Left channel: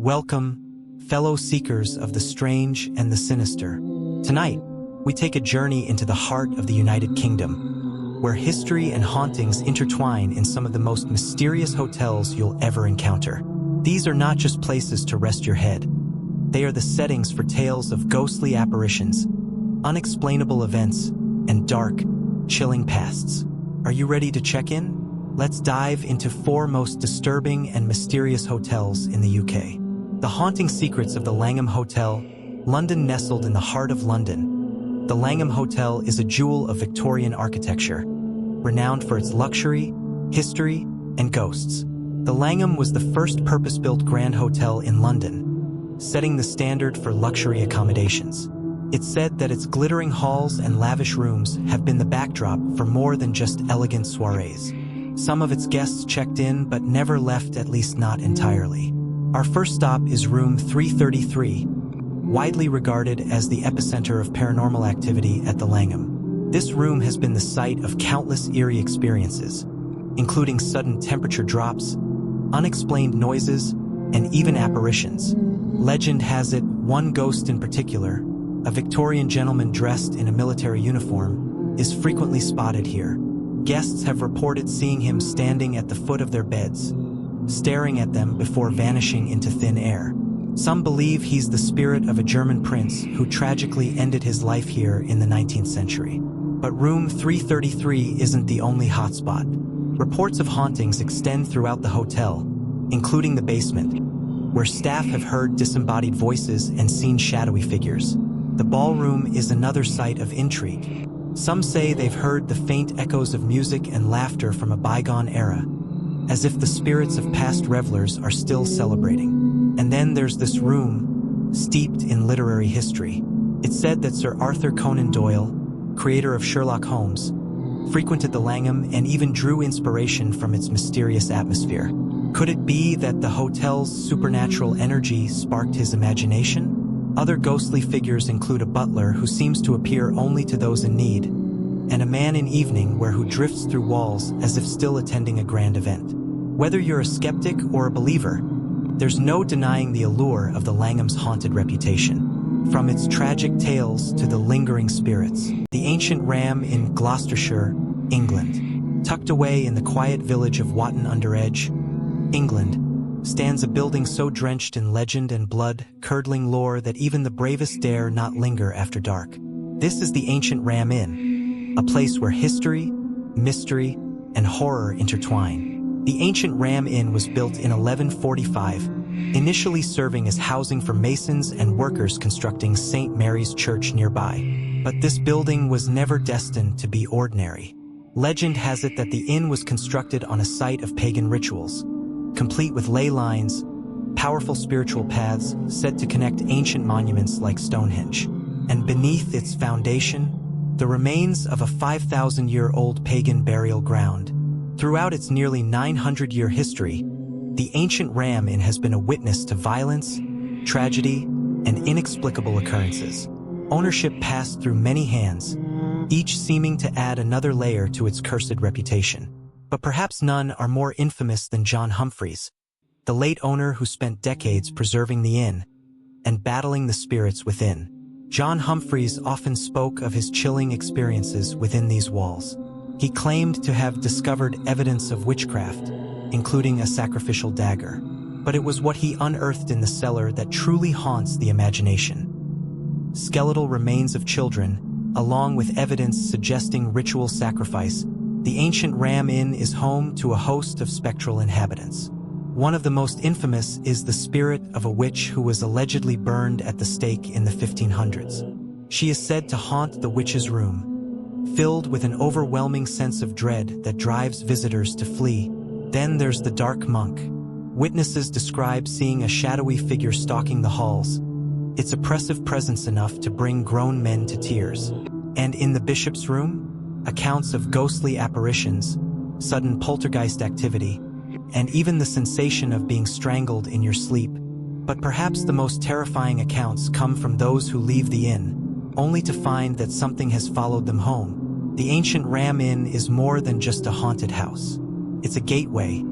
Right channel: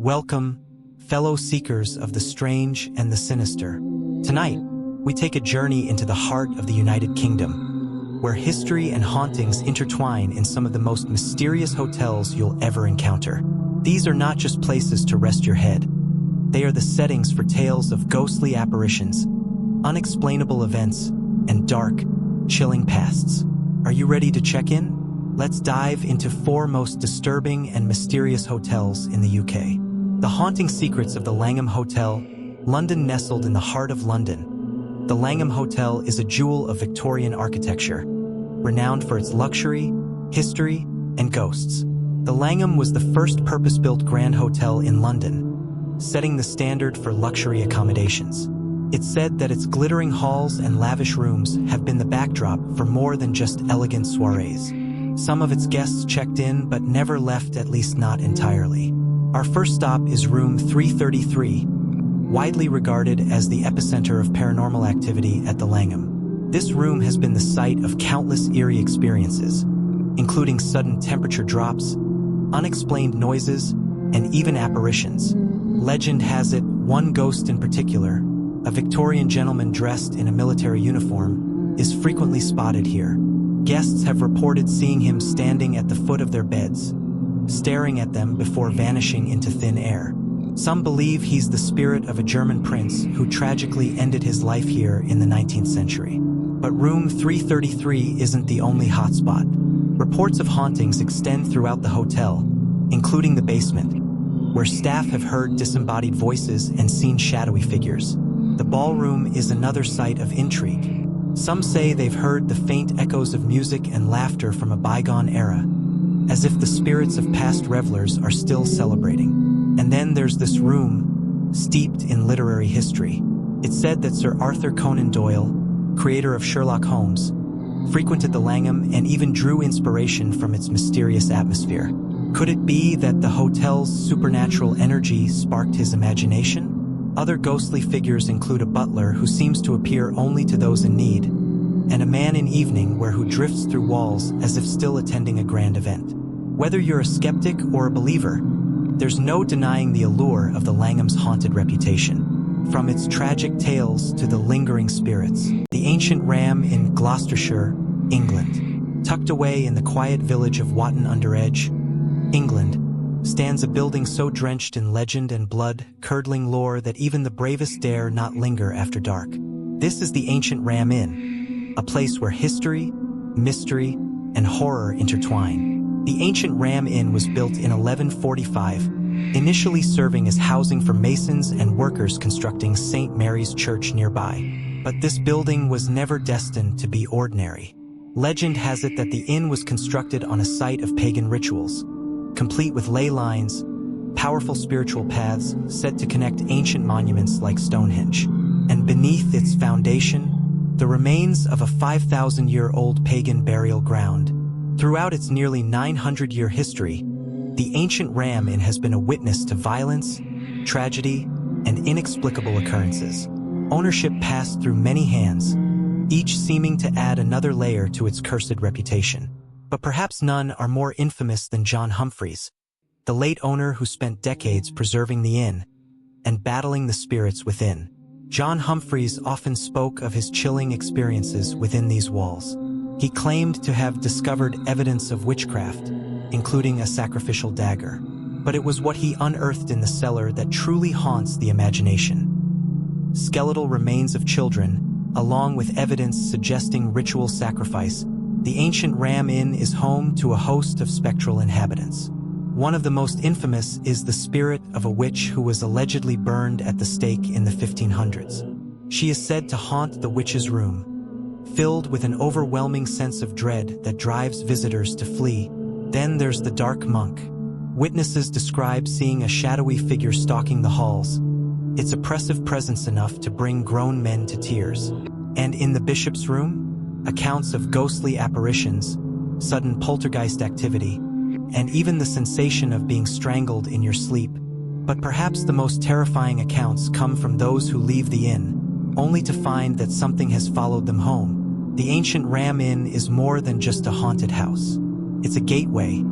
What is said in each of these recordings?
Welcome, fellow seekers of the strange and the sinister. Tonight, we take a journey into the heart of the United Kingdom, where history and hauntings intertwine in some of the most mysterious hotels you'll ever encounter. These are not just places to rest your head. They are the settings for tales of ghostly apparitions, unexplainable events, and dark, chilling pasts. Are you ready to check in? Let's dive into 4 most disturbing and mysterious hotels in the UK. The haunting secrets of the Langham Hotel, London. Nestled in the heart of London, the Langham Hotel is a jewel of Victorian architecture, renowned for its luxury, history, and ghosts. The Langham was the first purpose-built grand hotel in London, setting the standard for luxury accommodations. It's said that its glittering halls and lavish rooms have been the backdrop for more than just elegant soirees. Some of its guests checked in but never left, at least not entirely. Our first stop is room 333, widely regarded as the epicenter of paranormal activity at the Langham. This room has been the site of countless eerie experiences, including sudden temperature drops, unexplained noises, and even apparitions. Legend has it, one ghost in particular, a Victorian gentleman dressed in a military uniform, is frequently spotted here. Guests have reported seeing him standing at the foot of their beds, staring at them before vanishing into thin air. Some believe he's the spirit of a German prince who tragically ended his life here in the 19th century. But room 333 isn't the only hotspot. Reports of hauntings extend throughout the hotel, including the basement, where staff have heard disembodied voices and seen shadowy figures. The ballroom is another site of intrigue. Some say they've heard the faint echoes of music and laughter from a bygone era, as if the spirits of past revelers are still celebrating. And then there's this room, steeped in literary history. It's said that Sir Arthur Conan Doyle, creator of Sherlock Holmes, frequented the Langham and even drew inspiration from its mysterious atmosphere. Could it be that the hotel's supernatural energy sparked his imagination? Other ghostly figures include a butler who seems to appear only to those in need, and a man in evening wear who drifts through walls as if still attending a grand event. Whether you're a skeptic or a believer, there's no denying the allure of the Langham's haunted reputation. From its tragic tales to the lingering spirits. The ancient Ram in Gloucestershire, England. Tucked away in the quiet village of Watton-under-Edge, England, stands a building so drenched in legend and blood-curdling lore that even the bravest dare not linger after dark. This is the ancient Ram Inn, a place where history, mystery, and horror intertwine. The ancient Ram Inn was built in 1145, initially serving as housing for masons and workers constructing St. Mary's Church nearby. But this building was never destined to be ordinary. Legend has it that the inn was constructed on a site of pagan rituals, complete with ley lines, powerful spiritual paths said to connect ancient monuments like Stonehenge. And beneath its foundation, the remains of a 5,000-year-old pagan burial ground. Throughout its nearly 900-year history, the ancient Ram Inn has been a witness to violence, tragedy, and inexplicable occurrences. Ownership passed through many hands, each seeming to add another layer to its cursed reputation. But perhaps none are more infamous than John Humphreys, the late owner who spent decades preserving the inn and battling the spirits within. John Humphreys often spoke of his chilling experiences within these walls. He claimed to have discovered evidence of witchcraft, including a sacrificial dagger. But it was what he unearthed in the cellar that truly haunts the imagination. Skeletal remains of children, along with evidence suggesting ritual sacrifice, the ancient Ram Inn is home to a host of spectral inhabitants. One of the most infamous is the spirit of a witch who was allegedly burned at the stake in the 1500s. She is said to haunt the witch's room, filled with an overwhelming sense of dread that drives visitors to flee. Then there's the dark monk. Witnesses describe seeing a shadowy figure stalking the halls, its oppressive presence enough to bring grown men to tears. And in the bishop's room, accounts of ghostly apparitions, sudden poltergeist activity, and even the sensation of being strangled in your sleep. But perhaps the most terrifying accounts come from those who leave the inn, only to find that something has followed them home. The ancient Ram Inn is more than just a haunted house. It's a gateway,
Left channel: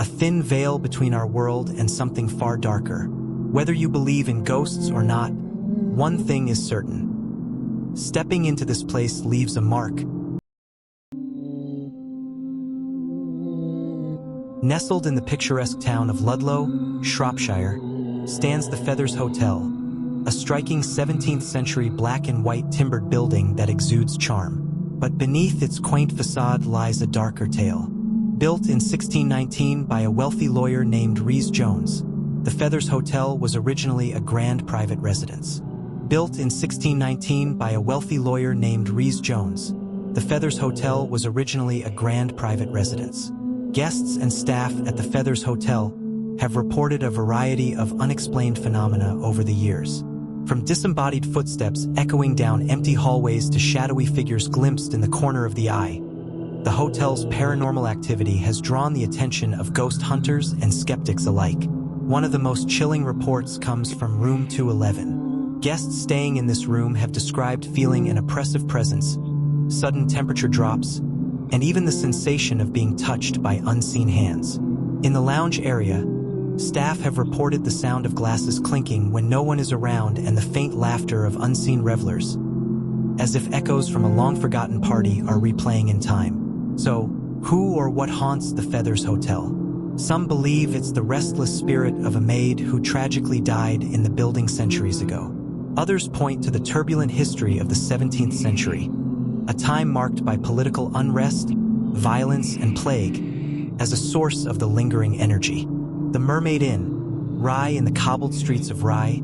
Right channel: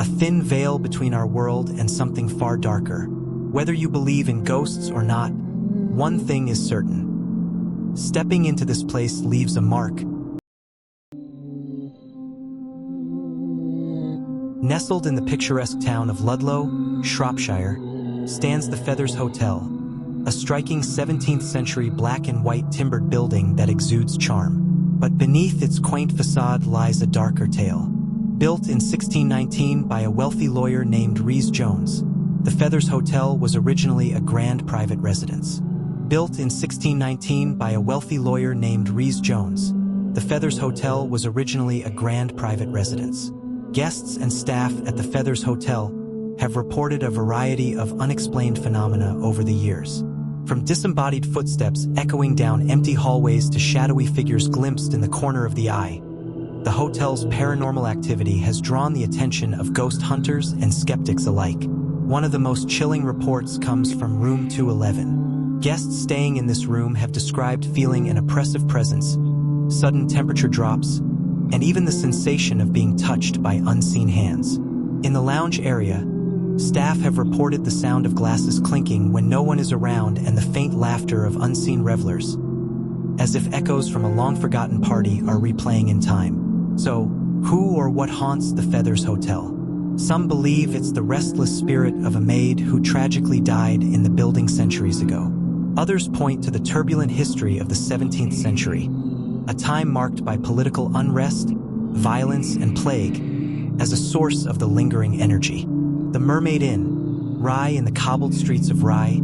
a thin veil between our world and something far darker. Whether you believe in ghosts or not, one thing is certain. Stepping into this place leaves a mark. Nestled in the picturesque town of Ludlow, Shropshire, stands the Feathers Hotel, a striking 17th-century black and white timbered building that exudes charm. But beneath its quaint facade lies a darker tale. Built in 1619 by a wealthy lawyer named Rhys Jones, the Feathers Hotel was originally a grand private residence. Built in 1619 by a wealthy lawyer named Rhys Jones, the Feathers Hotel was originally a grand private residence. Guests and staff at the Feathers Hotel have reported a variety of unexplained phenomena over the years. From disembodied footsteps echoing down empty hallways to shadowy figures glimpsed in the corner of the eye, the hotel's paranormal activity has drawn the attention of ghost hunters and skeptics alike. One of the most chilling reports comes from room 211. Guests staying in this room have described feeling an oppressive presence, sudden temperature drops, and even the sensation of being touched by unseen hands. In the lounge area, staff have reported the sound of glasses clinking when no one is around and the faint laughter of unseen revelers, as if echoes from a long-forgotten party are replaying in time. So, who or what haunts the Feathers Hotel? Some believe it's the restless spirit of a maid who tragically died in the building centuries ago. Others point to the turbulent history of the 17th century, a time marked by political unrest, violence, and plague, as a source of the lingering energy. The Mermaid Inn, Rye in the cobbled streets of Rye,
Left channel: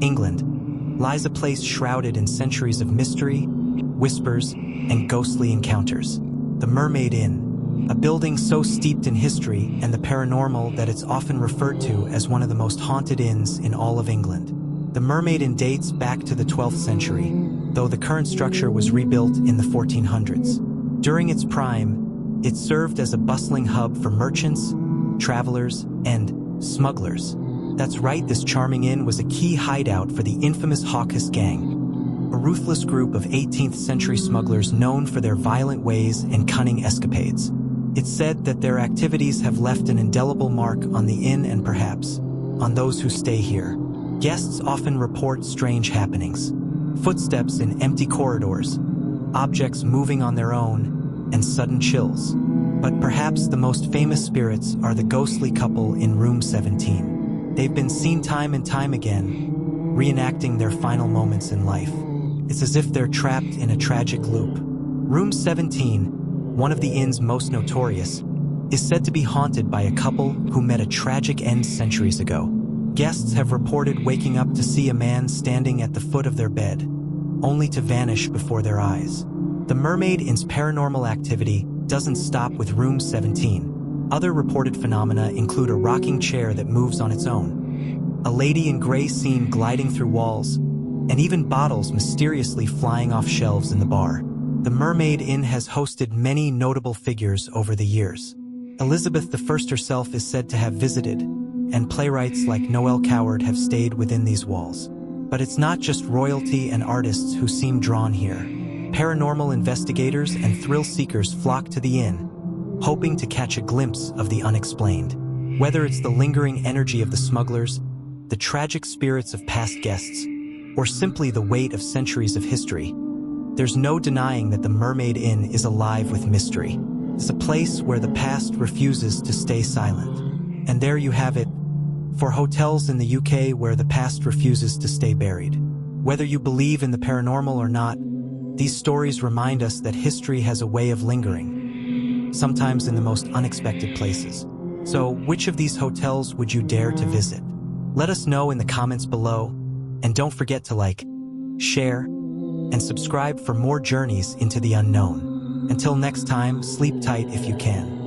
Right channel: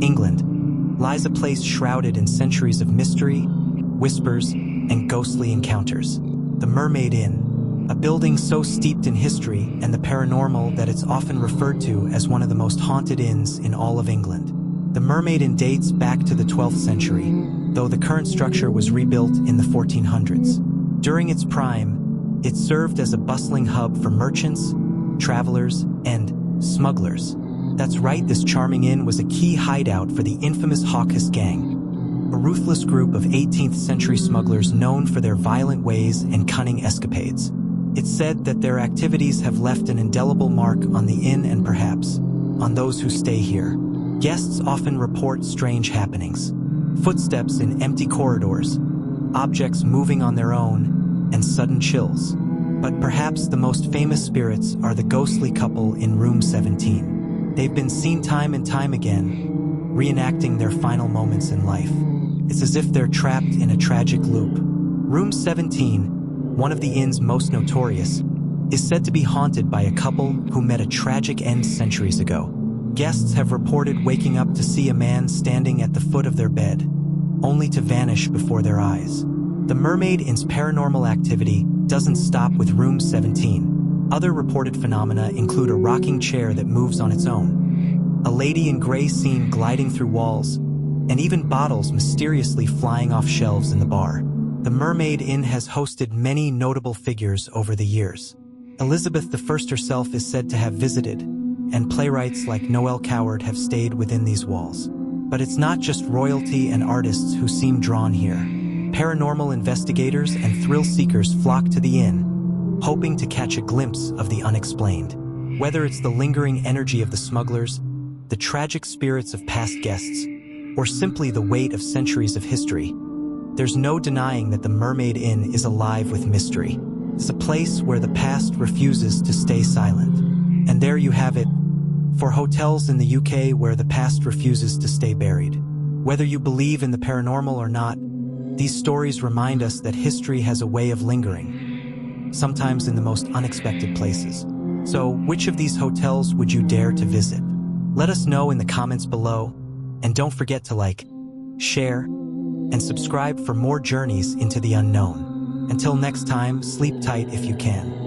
England, lies a place shrouded in centuries of mystery, whispers, and ghostly encounters. The Mermaid Inn, a building so steeped in history and the paranormal that it's often referred to as one of the most haunted inns in all of England. The Mermaid Inn dates back to the 12th century, though the current structure was rebuilt in the 1400s. During its prime, it served as a bustling hub for merchants, travelers, and smugglers. That's right, this charming inn was a key hideout for the infamous Hawkes Gang, a ruthless group of 18th century smugglers known for their violent ways and cunning escapades. It's said that their activities have left an indelible mark on the inn and perhaps on those who stay here. Guests often report strange happenings, footsteps in empty corridors, objects moving on their own, and sudden chills. But perhaps the most famous spirits are the ghostly couple in room 17. They've been seen time and time again, reenacting their final moments in life. It's as if they're trapped in a tragic loop. Room 17, one of the inn's most notorious, is said to be haunted by a couple who met a tragic end centuries ago. Guests have reported waking up to see a man standing at the foot of their bed, only to vanish before their eyes. The Mermaid Inn's paranormal activity doesn't stop with room 17. Other reported phenomena include a rocking chair that moves on its own, a lady in gray seen gliding through walls, and even bottles mysteriously flying off shelves in the bar. The Mermaid Inn has hosted many notable figures over the years. Elizabeth I herself is said to have visited, and playwrights like Noel Coward have stayed within these walls. But it's not just royalty and artists who seem drawn here. Paranormal investigators and thrill-seekers flock to the inn, hoping to catch a glimpse of the unexplained. Whether it's the lingering energy of the smugglers, the tragic spirits of past guests, or simply the weight of centuries of history, there's no denying that the Mermaid Inn is alive with mystery. It's a place where the past refuses to stay silent. And there you have it, for hotels in the UK where the past refuses to stay buried. Whether you believe in the paranormal or not, these stories remind us that history has a way of lingering, sometimes in the most unexpected places. So, which of these hotels would you dare to visit? Let us know in the comments below, and don't forget to like, share, and subscribe for more journeys into the unknown. Until next time, sleep tight if you can.